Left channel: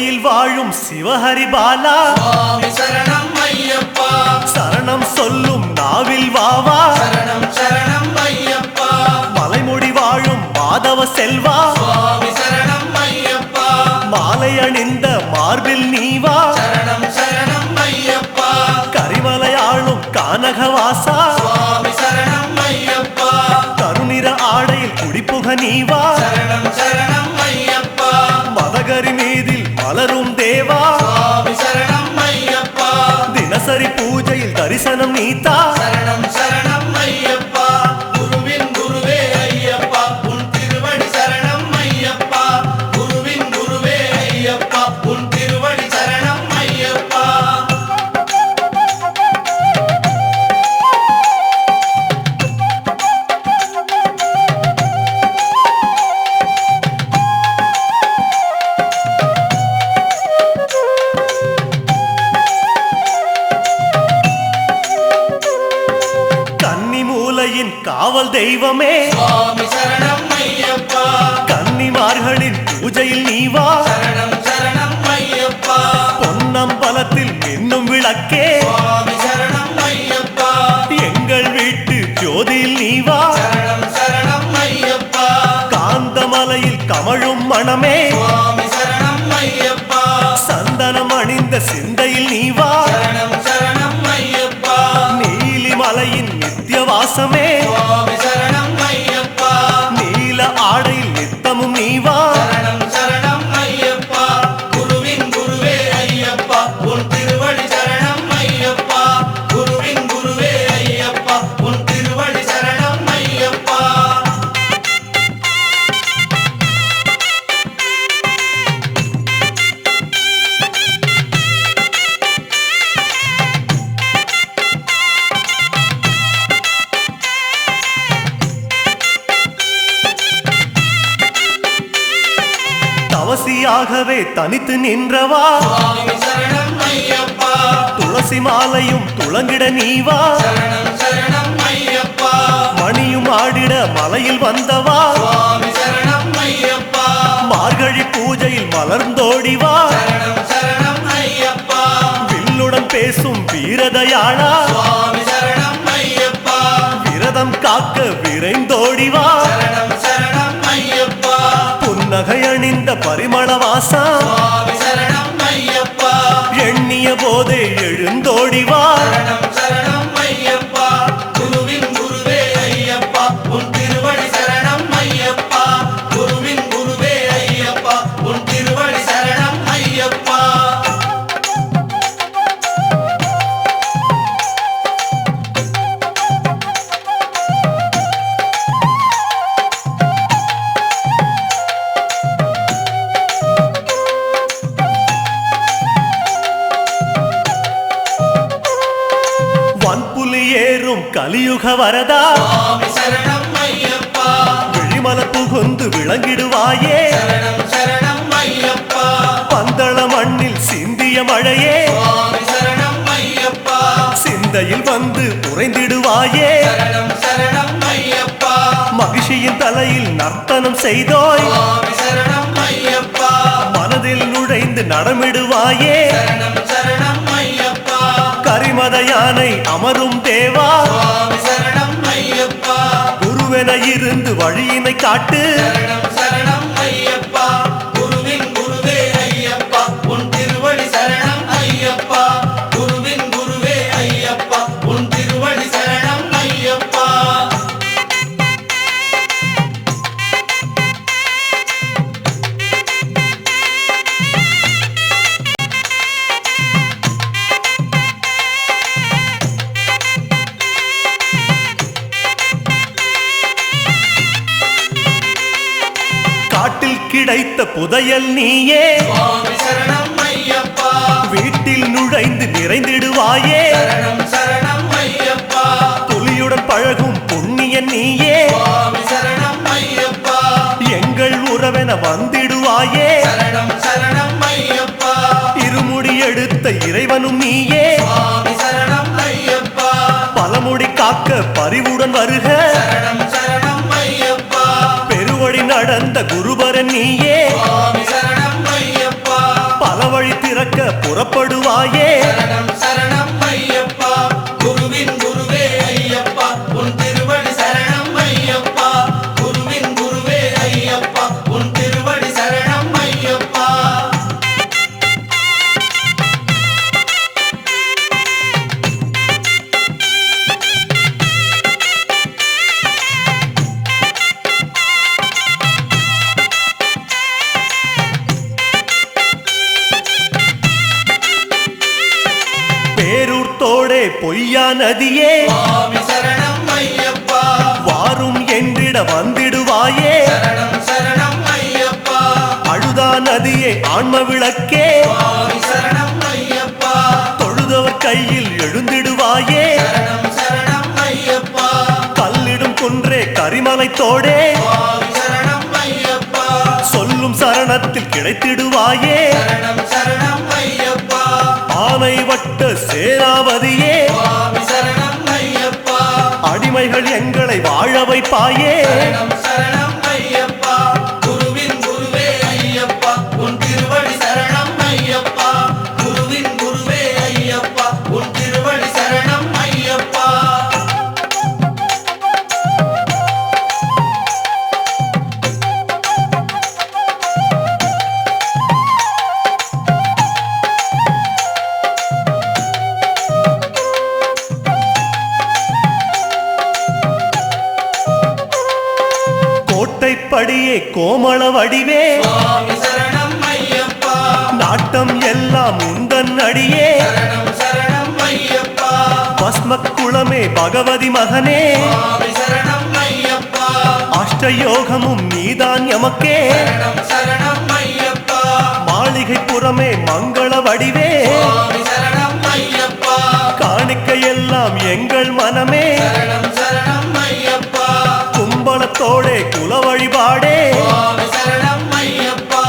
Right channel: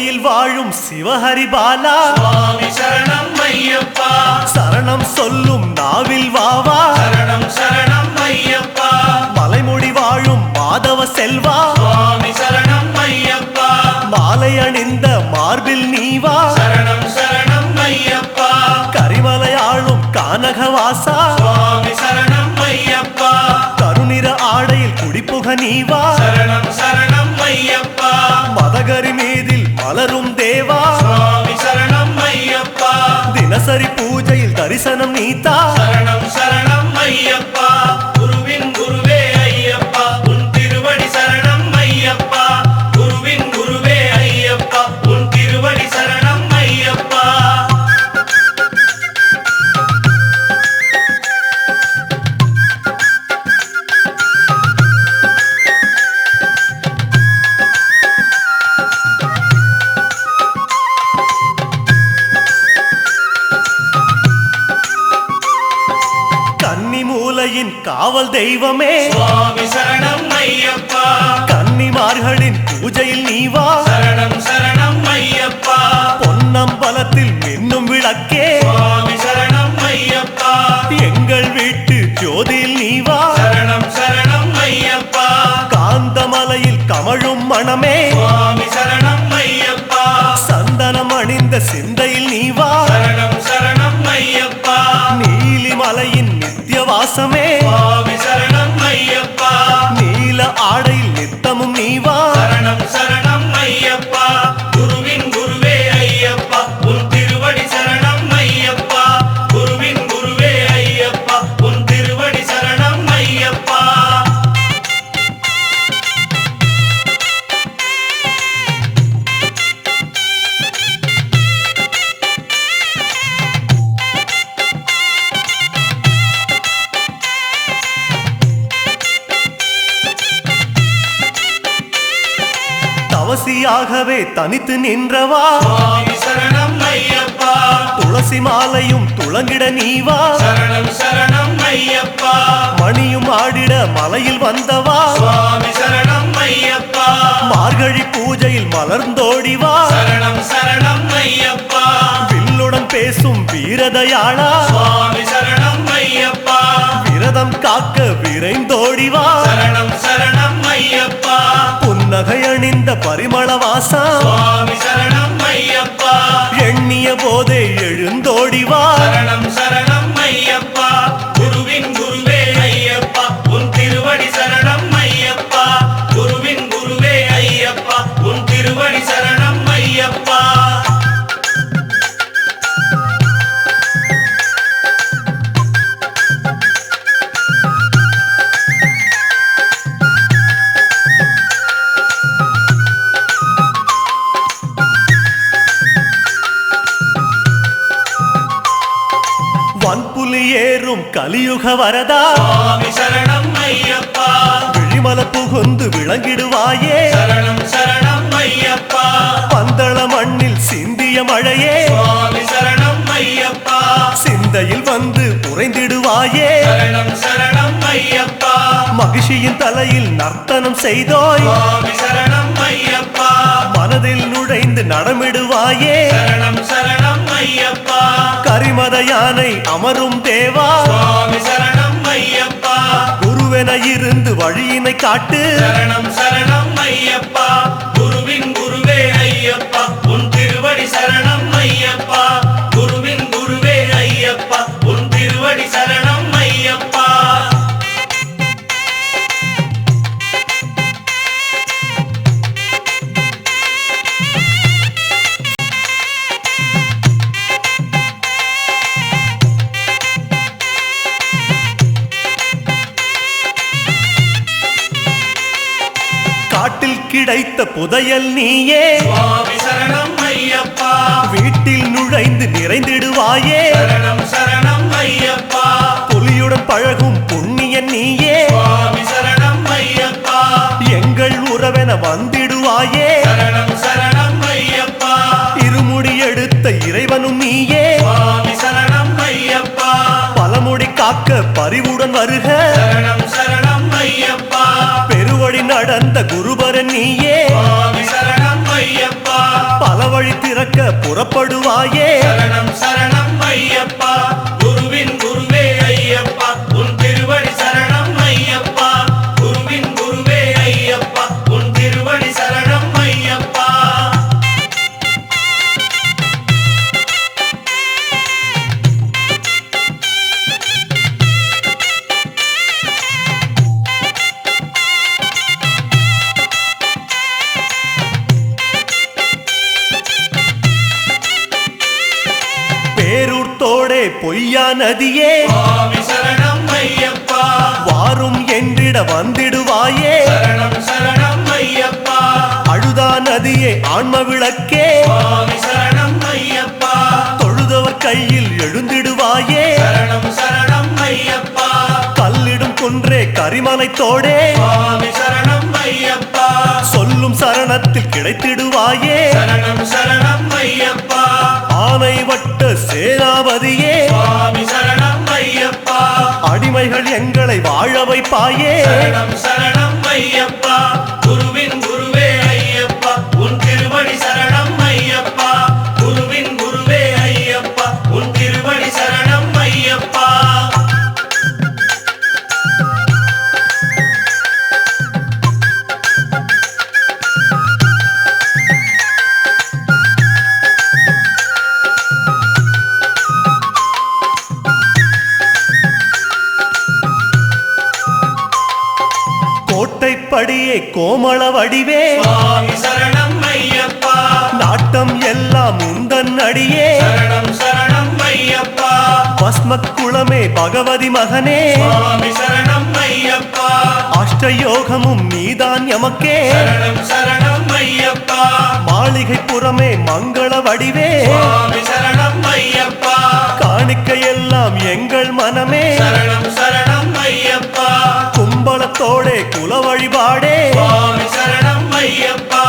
சிவனடியில் வாழும் சிவஹரி பாலா சுவாமி சரணம் ஐயப்பா சரணம் சொல்லும் நாவில் வாவா சரணம் சரணம் ஐயப்பா மலைமுடி வாழும் மாதவ செல்வா சுவாமி சரணம் ஐயப்பா மாலை அணிந்த மார்பில் நீவா சரணம் சரணம் ஐயப்பா கரிமலையாளும் கானகவாசா சுவாமி சரணம் ஐயப்பா கருநிற ஆடையில் குடிப்புக நீவா சரணம் சரணம் ஐயப்பா மதகரி மீதில் மலரும் தேவா சுவாமி சரணம் ஐயப்பா தினசரி பூஜையில் தரிசனம் நீத்தா சரணம் சரணம் ஐயப்பா குருவின் குருவே ஐயப்பா உன் திருவடி சரணம் ஐயப்பா குருவின் குருவே ஐயப்பா உன் திருவடி சரணம் ஐயப்பா கன்னி மூலையின் காவல் தெய்வமே சுவாமி சரணம் ஐயப்பா கன்னிமார்களின் பூஜையில் நீவா சரணம் சரணம் ஐயப்பா பொன்னம்பலத்தில் மின்னும் விளக்கே சுவாமி சரணம் ஐயப்பா எங்கள் வீட்டு ஜோதியில் நீவா சரணம் சரணம் ஐயப்பா காந்தமலையில் கமழும் மணமே சுவாமி சரணம் ஐயப்பா சந்தனம் அணிந்த சிந்தையில் நீவா சரணம் சரணம் ஐயப்பா நீலிமலையின் நித்தியவாசமே சுவாமி சரணம் ஐயப்பா நீல ஆடையில் நித்தமும் நீவா சரணம் சரணம் ஐயப்பா குருவின் குருவே ஐயப்பா உன் திருவடி சரணம் ஐயப்பா குருவின் குருவே ஐயப்பா உன் திருவடி சரணம் ஐயப்பா தவசியாகவே தனித்து நின்றவா சுவாமி சரணம் ஐயப்பா துளசி மாலையும் துளங்கிட நீவா சரணம் சரணம் ஐயப்பா மணியும் ஆடிட மலையில் வந்தவா சுவாமி சரணம் ஐயப்பா மார்கழி பூஜையில் மலர்ந்தோடிவா சரணம் சரணம் ஐயப்பா வில்லுடன் பேசும் வீரதயாளா சுவாமி சரணம் ஐயப்பா விரதம் காக்க விரைந்தோடிவா சரணம் சரணம் ஐயப்பா புன்னகை அணிந்த பரிமளவாசா சுவாமி சரணம் ஐயப்பா எண்ணிய போதே எழுந்தோடிவா சரணம் சரணம் ஐயப்பா குருவின் குருவே ஐயப்பா உன் திருவடி சரணம் ஐயப்பா குருவின் குருவே ஐயப்பா உன் திருவடி சரணம் ஐயப்பா வன்புலி ஏறும் கலியுக வரதா சுவாமி சரணம் ஐயப்பா விழிமல புகுந்து விளங்கிடுவாயே சரணம் சரணம் ஐயப்பா பந்தள மண்ணில் சிந்திய மழையே சுவாமி சரணம் ஐயப்பா சிந்தையில் வந்து உறைந்திடுவாயே சரணம் சரணம் ஐயப்பா மகிழ்ச்சியின் தலையில் நர்த்தனம் செய்தோய் சுவாமி சரணம் ஐயப்பா மனதில் நுழைந்து நடமிடுவாயே சரணம் சரணம் ஐயப்பா கரிமத யானை அமரும் தேவா சுவாமி சரணம் ஐயப்பா குருவென இருந்து வழியினை காட்டு சரணம் சரணம் ஐயப்பா குருவின் குருவே ஐயப்பா உன் திருவடி சரணம் ஐயப்பா குருவின் குருவே ஐயப்பா உன் திருவடி சரணம் ஐயப்பா காட்டில் கிடைத்த புதையல் நீயே சுவாமி சரணம் ஐயப்பா வீட்டில் நுழைந்து நிறைந்திடுவாயே சரணம் சரணம் ஐயப்பா புலியுடன் பழகும் புண்ணியன் நீயே சுவாமி சரணம் ஐயப்பா எங்கள் உறவென வந்திடுவாயே சரணம் சரணம் ஐயப்பா இருமுடி எடுத்த இறைவனும் நீயே சுவாமி சரணம் ஐயப்பா பலமுடி காக்க பரிவுடன் வருக சரணம் சரணம் ஐயப்பா பெருவழி நடந்த குருபரன் நீயே சுவாமி சரணம் ஐயப்பா பல வழி திறக்க புறப்படுவாயே சரணம் சரணம் ஐயப்பா குருவின் குருவே ஐயப்பா உன் திருவடி சரணம் ஐயப்பா குருவின் குருவே ஐயப்பா உன் திருவடி சரணம் ஐயப்பா பேரூர் தோடே பொய்யா நதியே சுவாமி சரணம் ஐயப்பா வாரும் என்றிட வந்திடுவாயே சரணம் சரணம் ஐயப்பா அழுதா நதியே ஆன்ம விளக்கே சுவாமி சரணம் ஐயப்பா தொழுதவர் கையில் எழுந்திடுவாயே சரணம் சரணம் ஐயப்பா கல்லிடும் குன்றே கரிமலை தோடே சுவாமி சரணம் ஐயப்பா சொல்லும் சரணத்தில் கிடைத்திடுவாயே சரணம் சரணம் ஐயப்பா ஆனை வட்ட சேனாபதியே சுவாமி சரணம் ஐயப்பா அடிமைகள் எங்களை வாழ வைப்பாயே சரணம் சரணம் ஐயப்பா குருவின் குருவே ஐயப்பா உன் திருவடி சரணம் ஐயப்பா குருவின் குருவே ஐயப்பா உன் திருவடி சரணம் ஐயப்பா கோட்டைப்படியே கோமள வடிவே சுவாமி சரணம் ஐயப்பா நாட்டம் எல்லாம் உந்தன் அடியே சரணம் சரணம் ஐயப்பா பஸ்மக்குளமே பகவதி மகனே சுவாமி சரணம் ஐயப்பா அஷ்டயோகமும் நீதான் எமக்கே சரணம் சரணம் ஐயப்பா மாளிகை புறமே மங்கள வடிவே சுவாமி சரணம் ஐயப்பா காணிக்கையெல்லாம் எங்கள் மனமே சரணம் சரணம் ஐயப்பா கும்பலத்தோடே குல வழிபாடே சுவாமி சரணம் ஐயப்பா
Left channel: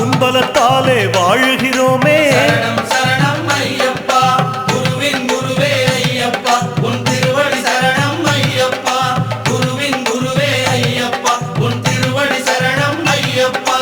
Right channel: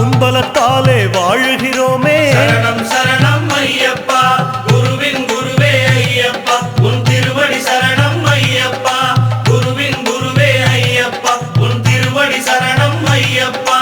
உன்பலத்தாலே வாழுகிறோமே சரணம் சரணம் ஐயப்பா குருவின் குருவே ஐயப்பா உன் திருவடி சரணம் ஐயப்பா குருவின் குருவே ஐயப்பா உன் திருவடி சரணம் ஐயப்பா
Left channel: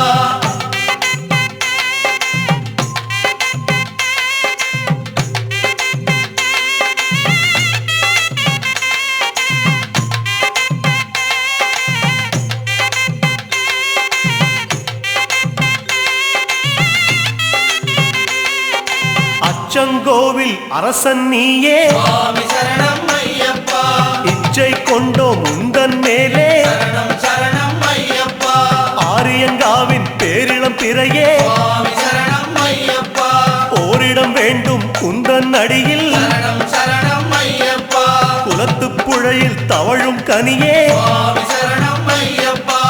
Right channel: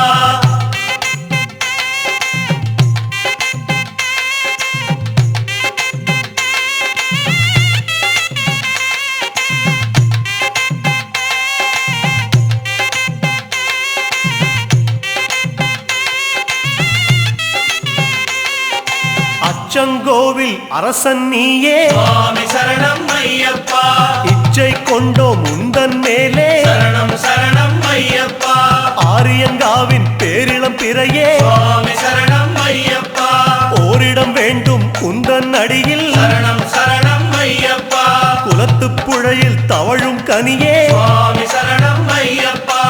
அச்சங்கோவில் அரசன் நீயே சுவாமி சரணம் ஐயப்பா இச்சை கொண்டோம் உந்தன் மேலே சரணம் சரணம் ஐயப்பா ஆரியங்காவின் பேரிளம் பிறையே சுவாமி சரணம் ஐயப்பா ஓரிடம் வேண்டும் உந்தன் அடியில் சரணம் சரணம் ஐயப்பா குலத்துப் புழையில் தவழும் கனியே சுவாமி சரணம் ஐயப்பா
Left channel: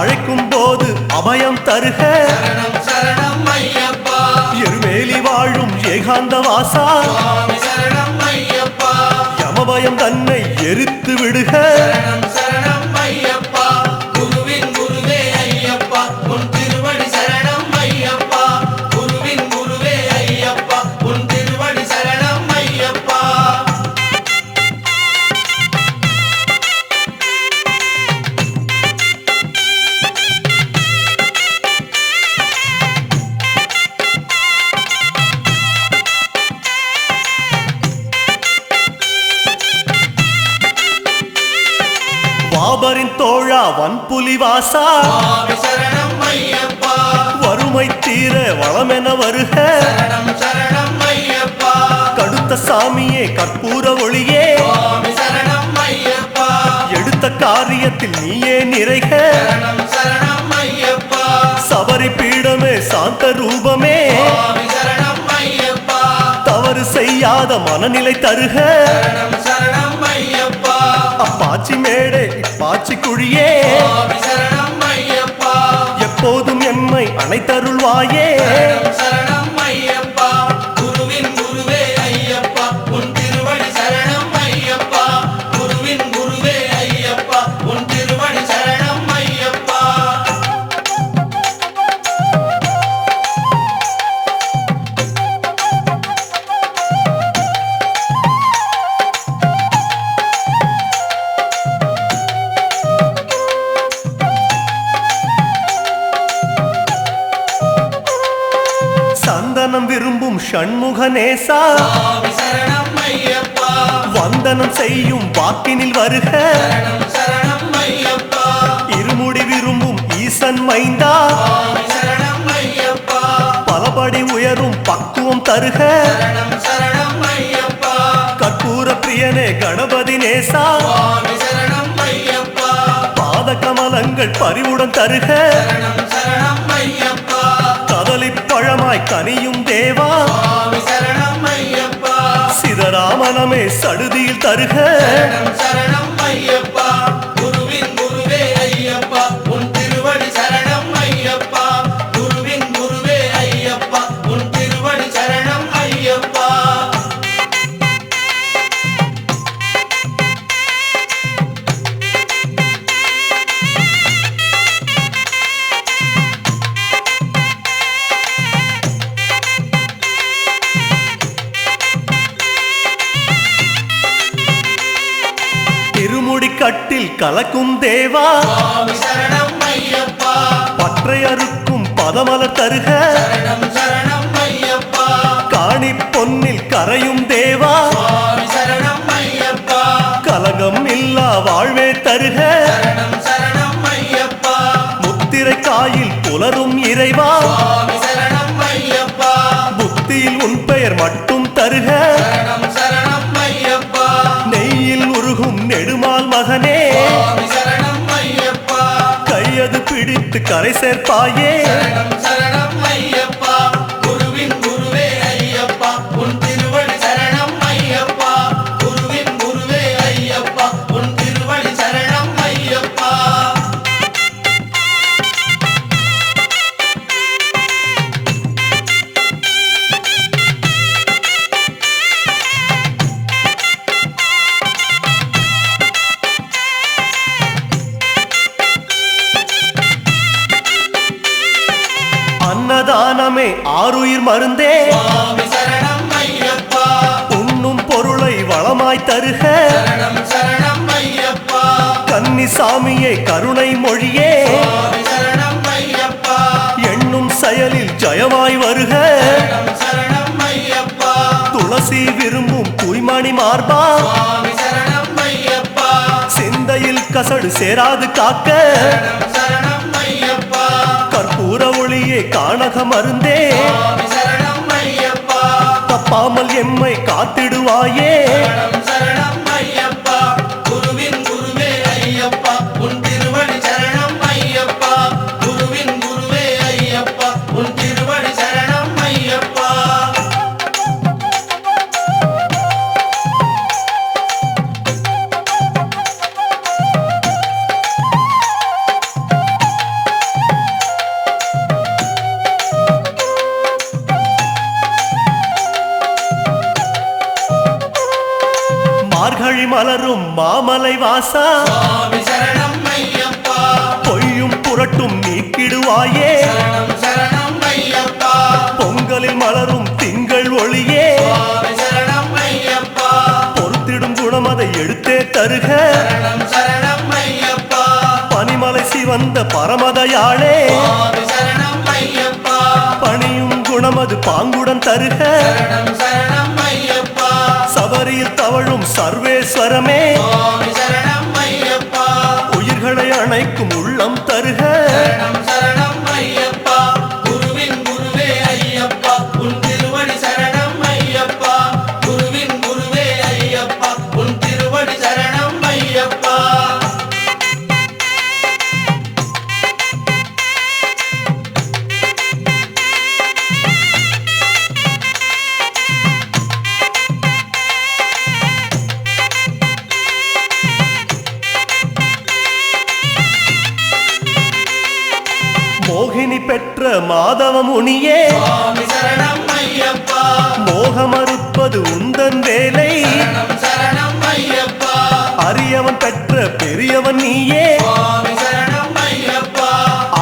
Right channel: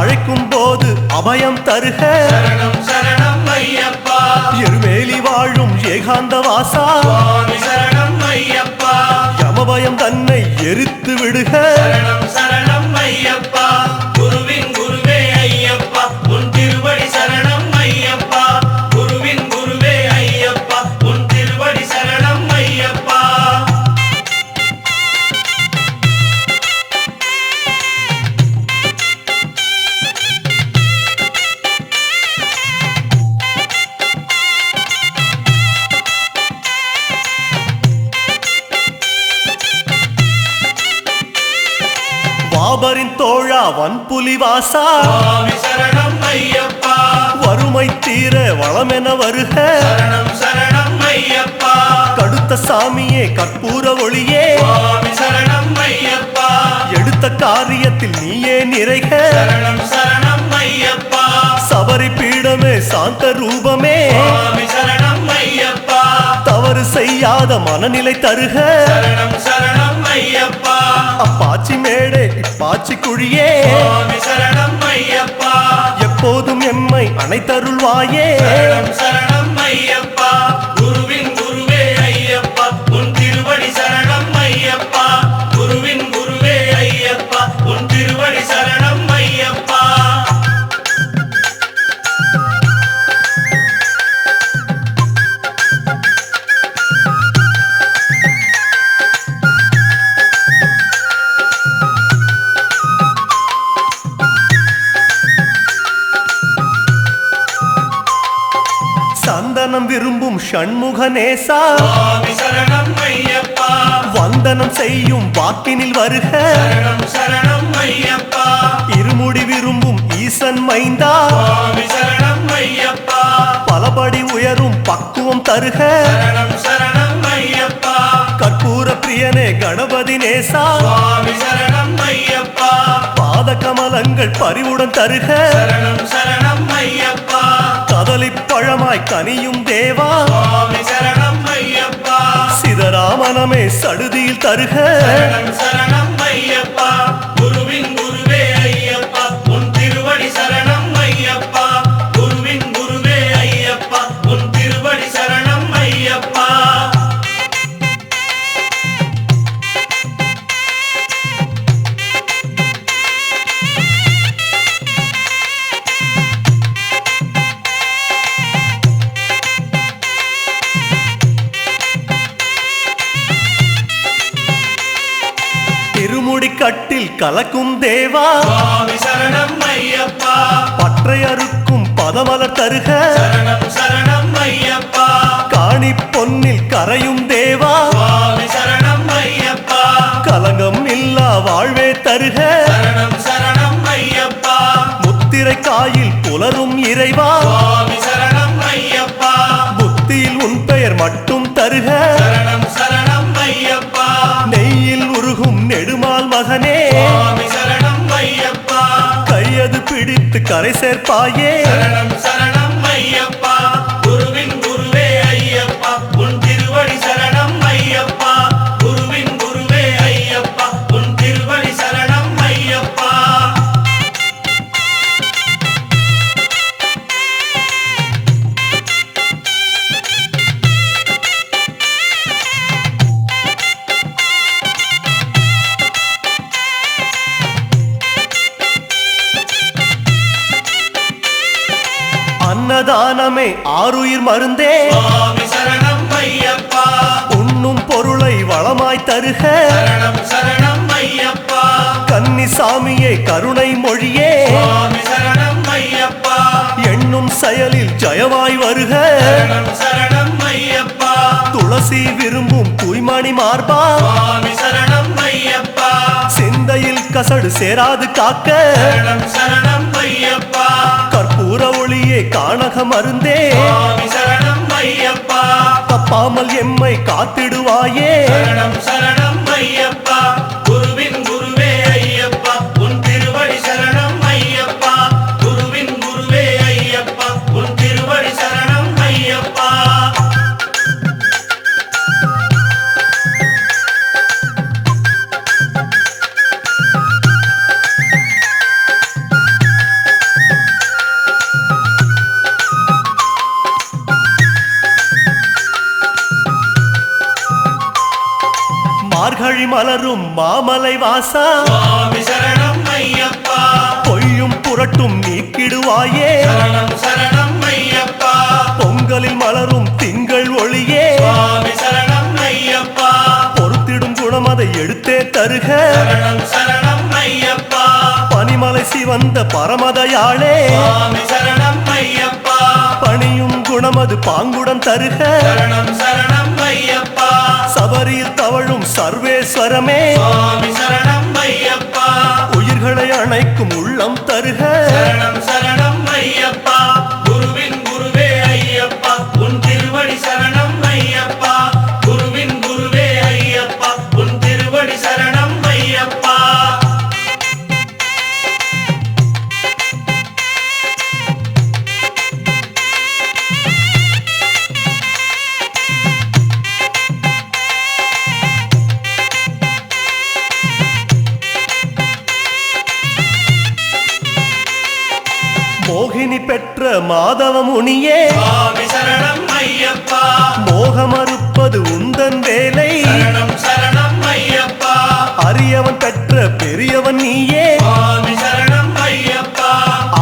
அழைக்கும் போது அபயம் தருக சரணம் சரணம் ஐயப்பா எருமேலி வாழும் ஏகாந்த வாசா சுவாமி சரணம் ஐயப்பா யமபயம் தன்னை எரித்து விடுக சரணம் சரணம் ஐயப்பா குருவின் குருவே ஐயப்பா உன் திருவடி சரணம் ஐயப்பா குருவின் குருவே ஐயப்பா உன் திருவடி சரணம் ஐயப்பா வாபரின் தோழா வன்புலி வாசா சுவாமி சரணம் ஐயப்பா வறுமை தீர வளமென வருக சரணம் சரணம் ஐயப்பா கடுத்த சாமியே கற்பூர ஒளியே சுவாமி சரணம் ஐயப்பா எடுத்த காரியத்தில் நீயே நிறைக சரணம் சரணம் ஐயப்பா சபரி பீடமே சாந்த ரூபமே சுவாமி சரணம் ஐயப்பா தவறு செய்யாத மனநிலை தருக சரணம் சரணம் ஐயப்பா அப்பாச்சி மேடே இப்பாச்சி குழியே சுவாமி சரணம் ஐயப்பா எப்போதும் எம்மை அணைத்தருள்வாயே சரணம் சரணம் ஐயப்பா குருவின் குருவே ஐயப்பா உன் திருவடி சரணம் ஐயப்பா குருவின் குருவே ஐயப்பா உன் திருவடி சரணம் ஐயப்பா சந்தனம் விரும்பும் ஷண்முகநேசா சுவாமி சரணம் ஐயப்பா வந்தனம் செய்யும் வாக்கினில் வருக சரணம் சரணம் ஐயப்பா இருமுடி விரும்பும் ஈசன் மைந்தா சுவாமி சரணம் ஐயப்பா பலபடி உயரும் பக்குவம் தருக சரணம் சரணம் ஐயப்பா கற்பூர பிரியனே கணபதி நேசா சுவாமி சரணம் ஐயப்பா பாத கமலங்கள் பரிவுடன் தருக சரணம் சரணம் ஐயப்பா கதலிப் பழமாய் கனியும் தேவா சுவாமி சரணம் ஐயப்பா சிதராமனமே சடுதியில் தருக சரணம் சரணம் ஐயப்பா குருவின் குருவே ஐயப்பா உன் திருவடி சரணம் ஐயப்பா குருவின் குருவே ஐயப்பா உன் திருவடி சரணம் ஐயப்பா திருமுடி கட்டில் கலக்கும் தேவா சுவாமி சரணம் ஐயப்பா பற்றை அறுக்கும் பதமலர் தருக சரணம் சரணம் ஐயப்பா காணி பொன்னில் கரையும் தேவா சுவாமி சரணம் ஐயப்பா கலங்கம் இல்லா வாழ்வே தருக சரணம் சரணம் ஐயப்பா முத்திரை காயில் புலரும் இறைவா சுவாமி சரணம் ஐயப்பா புத்தியில் உன் பெயர் மட்டும் தருக சரணம் சரணம் ஐயப்பா நெய்யில் உருகும் நெடுமால் மகனே சுவாமி சரணம் ஐயப்பா கையது பிடித்து கரை சேர்ப்பாயே சரணம் சரணம் ஐயப்பா குருவின் குருவே ஐயப்பா உன் திருவடி சரணம் ஐயப்பா குருவின் குருவே ஐயப்பா உன் திருவடி சரணம் ஐயப்பா அன்னதானமே ஆருயிர் மருந்தே சுவாமி சரணம் ஐயப்பா உண்ணும் பொருளை வளமாய் தருக சரணம் சரணம் ஐயப்பா கன்னிசாமியே கருணை மொழியே சுவாமி சரணம் ஐயப்பா எண்ணும் செயலில் ஜயமாய் வருக சரணம் சரணம் ஐயப்பா துளசி விரும்பும் தூய்மணி மார்பா சுவாமி சரணம் ஐயப்பா சிந்தையில் கசடு சேராது காக்க சரணம் சரணம் ஐயப்பா கற்பூர ஒளியே காணக மருந்தே சுவாமி சரணம் ஐயப்பா தப்பாமல் எம்மை காத்திடுவாயே சரணம் சரணம் ஐயப்பா குருவின் குருவே ஐயப்பா உன் திருவடி சரணம் ஐயப்பா குருவின் குருவே ஐயப்பா உன் திருவடி சரணம் ஐயப்பா மார்கழி மலரும் மாமலை வாசா சுவாமி சரணம் ஐயப்பா பொய்யும் புரட்டும் நீக்கிடுவாயே சரணம் சரணம் ஐயப்பா பொங்கலில் மலரும் திங்கள் ஒளியே சுவாமி சரணம் ஐயப்பா பொறுத்திடும் குணம் அதை எடுத்தே தருக சரணம் சரணம் ஐயப்பா பனிமலை சிவந்த பரமதயாளே சுவாமி சரணம் ஐயப்பா பணியும் குணம் அது பாங்குடன் தருக சரணம் சரணம் ஐயப்பா சபரியில் தவழும் சர்வேஸ்வரமே சுவாமி சரணம் ஐயப்பா உயிர்களை அணைக்கும் உள்ளம் தருக சரணம் சரணம் ஐயப்பா குருவின் குருவே ஐயப்பா உன் திருவடி சரணம் ஐயப்பா குருவின் குருவே ஐயப்பா உன் திருவடி சரணம் ஐயப்பா மோகினி பெற்ற மாதவ முனியே சுவாமி சரணம் ஐயப்பா மோகமறுப்பது உந்தன் வேலை சரணம் சரணம் ஐயப்பா அரியவன் பெற்ற பெரியவன் நீயே சுவாமி சரணம் ஐயப்பா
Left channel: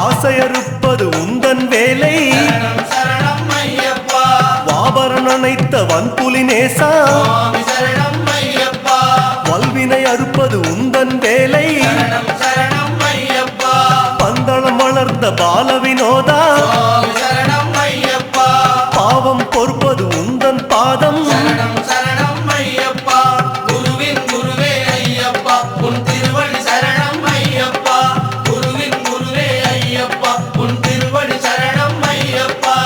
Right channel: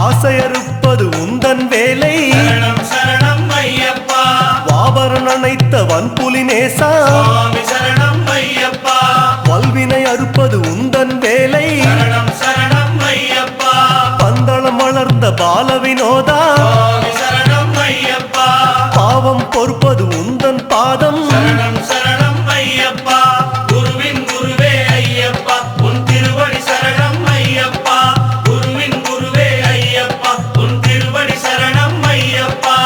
ஆசையறுப்பது உந்தன் வேலை சரணம் சரணம் ஐயப்பா வாபரன் அணைத்த வன்புலி நேசா சுவாமி சரணம் ஐயப்பா வல்வினை அறுப்பது உந்தன் வேலை சரணம் சரணம் ஐயப்பா பந்தளம் வளர்ந்த பால வினோதா சுவாமி சரணம் ஐயப்பா பாவம் பொறுப்பது உந்தன் பாதம் சரணம் சரணம் ஐயப்பா குருவின் குருவே ஐயப்பா உன் திருவடி சரணம் ஐயப்பா குருவின் குருவே ஐயப்பா உன் திருவடி சரணம் ஐயப்பா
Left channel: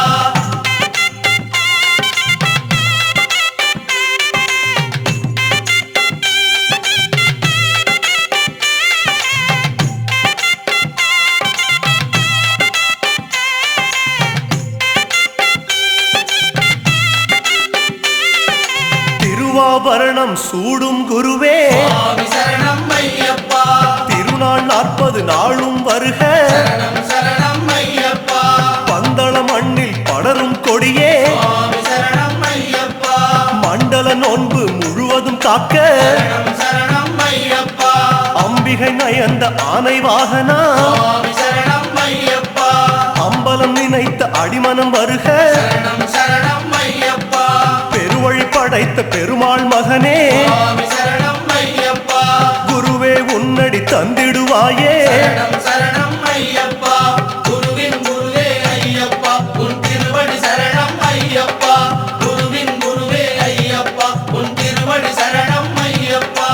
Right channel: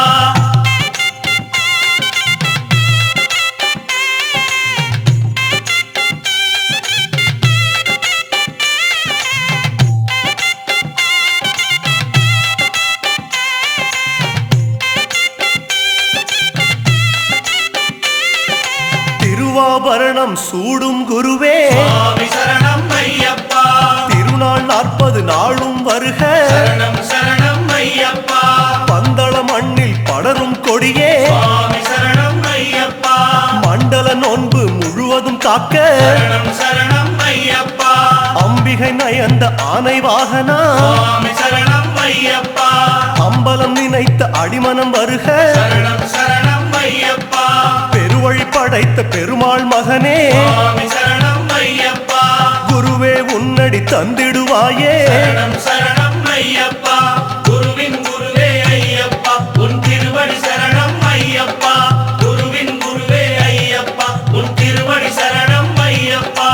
திருவாபரணம் சூடும் குருவே சுவாமி சரணம் ஐயப்பா திருநாள் 40 நாளும் வருக சரணம் சரணம் ஐயப்பா பந்தள மண்ணில் படரும் கொடியே சுவாமி சரணம் ஐயப்பா மண்டல நோன்பு முழுவதும் காக்க சரணம் சரணம் ஐயப்பா அம்பிகை நயந்த ஆனை வாகனா சுவாமி சரணம் ஐயப்பா அம்பலம் நினைத்த அடிமனம் வருக சரணம் சரணம் ஐயப்பா பெருவழி படைத்த பெருமாள் மகனே சுவாமி சரணம் ஐயப்பா குருவே உன்னடி தந்திடுவாயே சரணம் சரணம் ஐயப்பா குருவின் குருவே ஐயப்பா உன் திருவடி சரணம் ஐயப்பா குருவின் குருவே ஐயப்பா உன் திருவடி சரணம் ஐயப்பா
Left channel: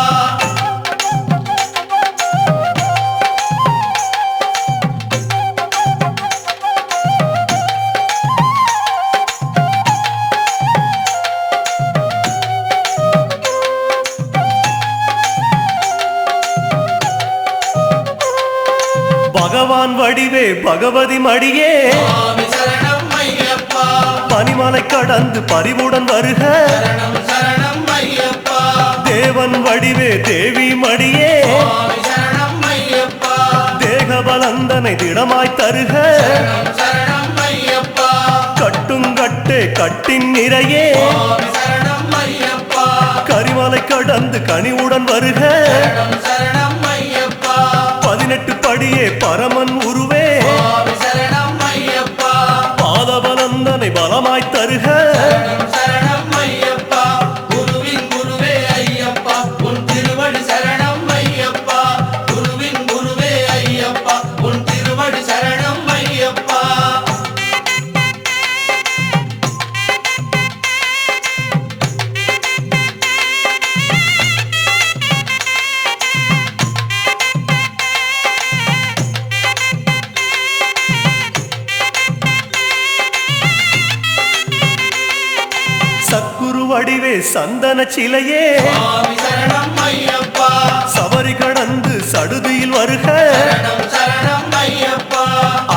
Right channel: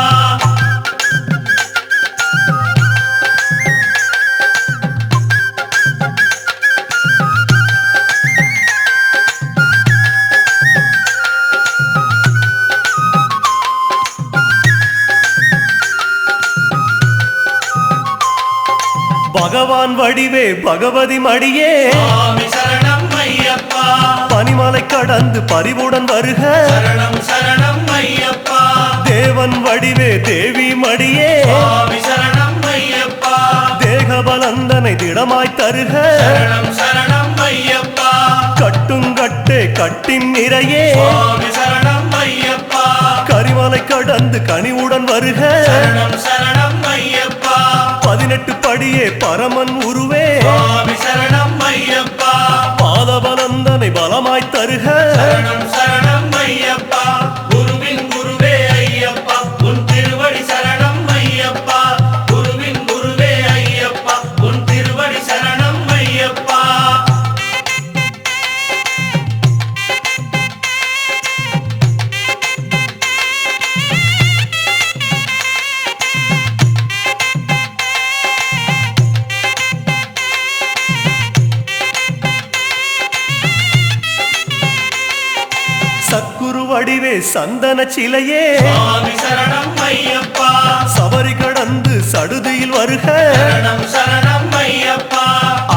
பகவான் வடிவே பகவதி மடியே சுவாமி சரணம் ஐயப்பா பனிமலை கடந்து பரிவுடன் வருக சரணம் சரணம் ஐயப்பா தேவன் வடிவே தேவி மடியே சுவாமி சரணம் ஐயப்பா தேகபலந்தனை திடமாய் தருக சரணம் சரணம் ஐயப்பா கட்டுங்கட்டே கட்டின் நிறையே சுவாமி சரணம் ஐயப்பா கரிமலை கடந்து கனிவுடன் வருக சரணம் சரணம் ஐயப்பா 18 படியே பரமன் உருவே சுவாமி சரணம் ஐயப்பா பாதபலந்தனை பலமாய் தருக சரணம் சரணம் ஐயப்பா குருவின் குருவே ஐயப்பா உன் திருவடி சரணம் ஐயப்பா குருவின் குருவே ஐயப்பா உன் திருவடி சரணம் ஐயப்பா சக்குரு வடிவே சந்தன சிலையே சுவாமி சரணம் ஐயப்பா சபரி கடந்து சடுதியில் வருக சரணம் சரணம் ஐயப்பா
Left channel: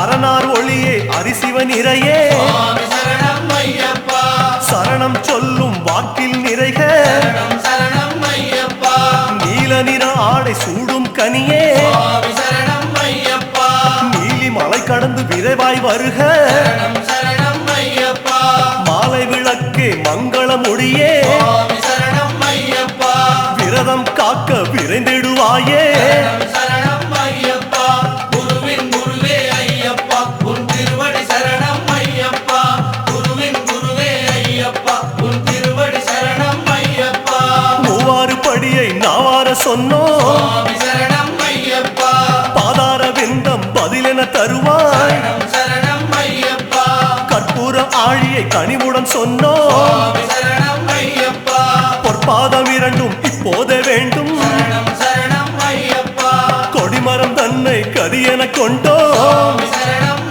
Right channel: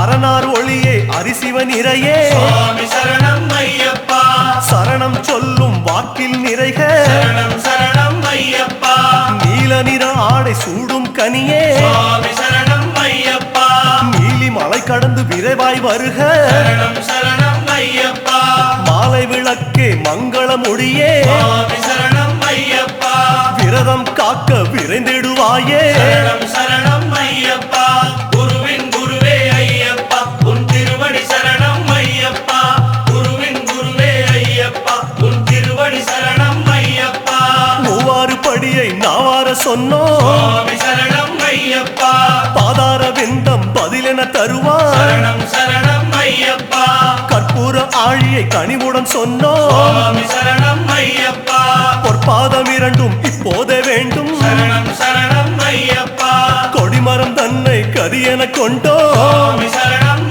அரணார் ஒளியே அரிசிவ நிறையே சுவாமி சரணம் ஐயப்பா சரணம் சொல்லும் வாக்கில் நிறைக சரணம் சரணம் ஐயப்பா நீல நிற ஆடை சூடும் கனியே சுவாமி சரணம் ஐயப்பா நீலி மலை கடந்து விரைவாய் வருக சரணம் சரணம் ஐயப்பா மாலை விளக்கே மங்கள மொழியே சுவாமி சரணம் ஐயப்பா விரதம் காக்க விரைந்திடுவாயே சரணம் சரணம் ஐயப்பா குருவின் குருவே ஐயப்பா உன் திருவடி சரணம் ஐயப்பா குருவின் குருவே ஐயப்பா உன் திருவடி சரணம் ஐயப்பா மூவாறு படியை நாவார சொன்னோம் சுவாமி சரணம் ஐயப்பா பாதார விந்தம் பதிலென தருவாய் சரணம் சரணம் ஐயப்பா கற்பூர ஆழியை கனிவுடன் சொன்னோம் சுவாமி சரணம் ஐயப்பா பொற்பாதம் இரண்டும் இப்போதே வேண்டும் சரணம் சரணம் ஐயப்பா கொடிமரம் தன்னை கரியென கொண்டோம் சுவாமி சரணம்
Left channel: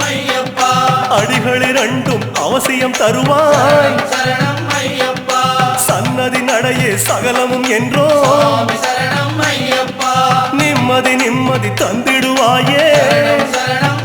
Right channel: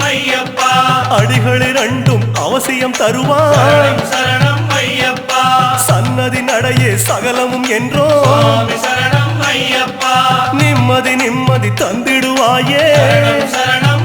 ஐயப்பா நிம்மதி நிம்மதி தந்திடுவாயே சரணம்